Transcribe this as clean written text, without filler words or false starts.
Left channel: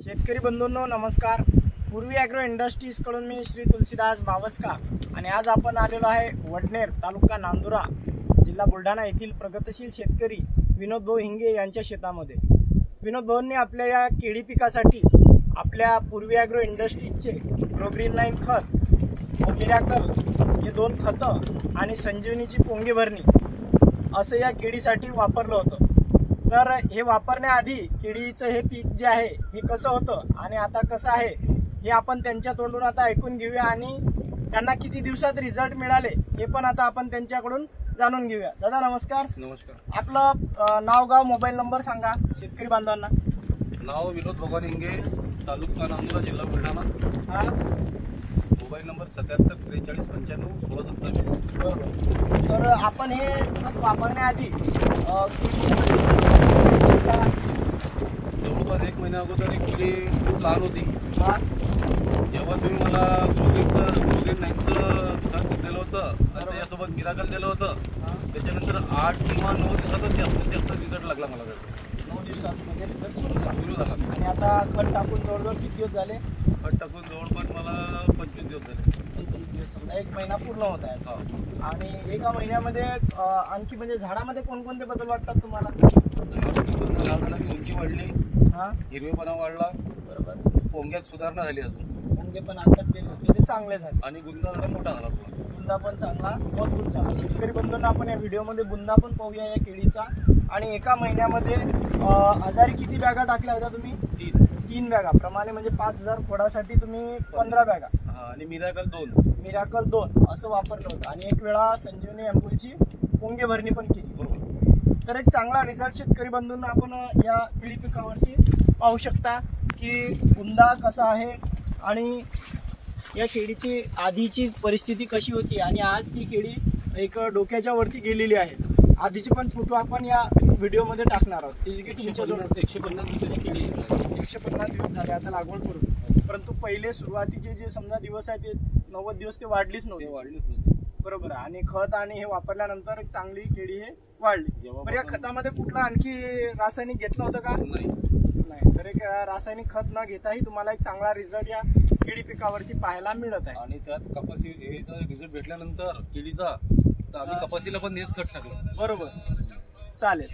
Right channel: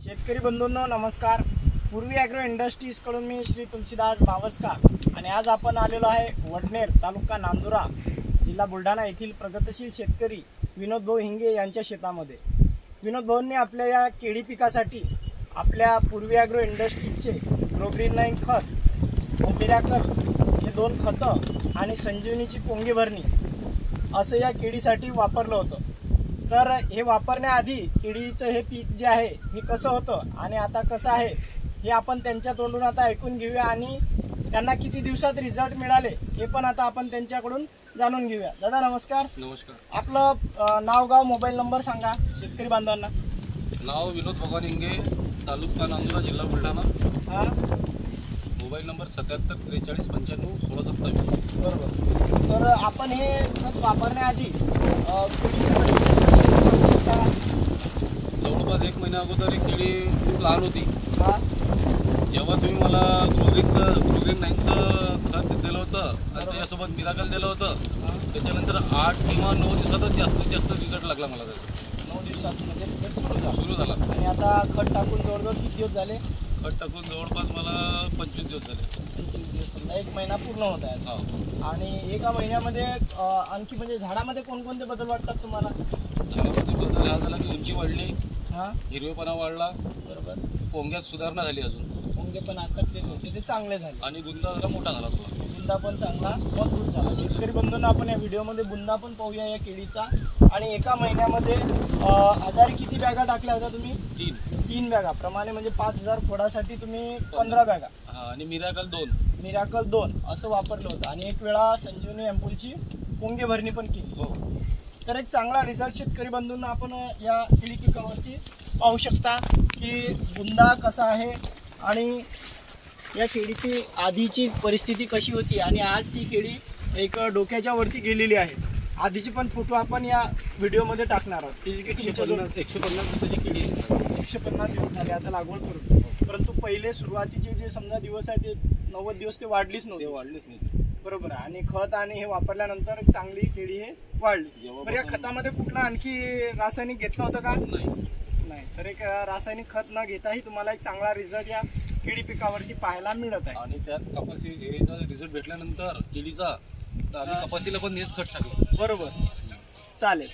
शेतकरी बंधूंनो नमस्कार। पूर्वी ॲग्रो इंडस्ट्रीज कडून मी श्री तुलसीदास बावस्का आणि आज आपण आलेलो आहे वडनेर तालुका नांदुरा जिल्हा बुलढाणा येथील प्रगतशील शेतकरी विनोद भाऊ हिंगे यांच्या शेतामध्ये। विनोद भाऊंनी आपल्या या केळी पिकासाठी आपल्या पूर्वी ॲग्रो इंडस्ट्रीजचे ग्रोग्रीन 9 खत व मिराकल हे 2 खतं आणि संजीवनीची पोंगी भरणी असं या केळीसाठी वापरलं होतं। तर हे वापरण्याआधी केळीचं हे पीक जे आहे हे कसं होतं आणि आता कसं आहे हे आपण त्यांच्या तोंडून आता ऐकून घेऊया आणि त्यांना किती दिवसात रिझल्ट मिळाले हे पण आता आपण त्यांच्याकडून जाणून घेऊया। दादा नमस्कार। नमस्कार। आपलं नाव गाव मोबाईल नंबर सांगा शेतकरी बांधवांना। नाव विनोद भगवान हिंगे, तालुका नांदुरा, जिल्हा बुलढाणा। हां, मोबाईल नंबर 77 43 95 16 27। बरोबर। तर आपण हे खत वापरण्याआधी जवळपास 1 महिन्या अगोदर एक केळी खूप लहान होती। हां, जेव्हा तुम्ही मला ग्रोग्रीन 9चं खत दिलं होतं आणि त्याच्यासोबत मिराकल दिलं होतं, त्याच्यानंतर 8 किंवा 9 दिवसातच जास्तीत जास्त रिझल्ट लागला मला। 9 दिवसात म्हणजे रिझल्ट सुरू झाला। आणि आता खत टाकून जवळजवळ किती दिवस झाले? खत टाकून जवळपास मला 25 दिवस झाले। 25 दिवस, समजा 1 महिना पूर्ण होत आहे। हा। आणि एका महिन्यामध्ये आणखी म्हणजे झाडामध्ये कोणकोणते बदल वाटतात तुम्हाला? झाडामध्ये बदल हा झाला की उंची वाढली, हां, हिरवेपणा वाढला, बरोबर। पोंग्यात सुधारणा झाली अजून, पोंगे पण आकसलेले होते ते चांगले झाले आणि गुंदा जरा मोठा झाला थोडा। बुंदा पण चांगला मजबूत झाला। शेतकरी बंधूंना आपण या व्हिडिओमध्ये बुंदा पण पाहूया या केळीचा। आणि एका महिन्यामध्ये आजारी किती बॅगा टाकल्या होत्या तुम्ही? 3 बॅगा प्रमाणे, म्हणजे 5000 खोडासाठी तुम्ही 15 बॅगा आणि मिराकल 2 मिराकल 2 असं वापरलं होतं आणि एक वेळा संजीवनी अँपूलची पोंगे भरणी पण केली। हो। तर एक चांगला रिझल्ट शेतकरी बंधूंना आपण या केळी पिकावरती पाहू शकता की बुंदा कसा आहे आणि या केळीची आधीची परिस्थिती कशी होती आणि आज ती केळी एक डोक्याच्या वरती गेलेली आहे। आधीचे पण फोटो आपण या व्हिडिओमध्ये टाकणार आहोत। ती की तुमच्या 150 दिवसाची केळी 150 दिवस झाले आता लागवड करून, परंतु पहिले सुरुवातीचे जे समजा दिवस आहे ते 90 दिवस ते वाढलीच नव्हती। वाढलीच नाही, बरोबर आहे। आणि खत आणि हे वापरल्यानंतर एक चांगली केळी हे वाढली। बरं, या खतामध्ये कुठला आणखी रासायनिक घेतलं होतं का? नाही। तर एक रासायनिक खत न घेताही तुम्हाला एक चांगला रिझल्ट या केळी पिकावरती पाहायला मिळत आहे। आणि त्यात कपासी हे रिझल्ट भेटल्यानंतर केळीचा तर आम्ही कपासीला पण हेच खत टाकलं। बरोबर, चालेल।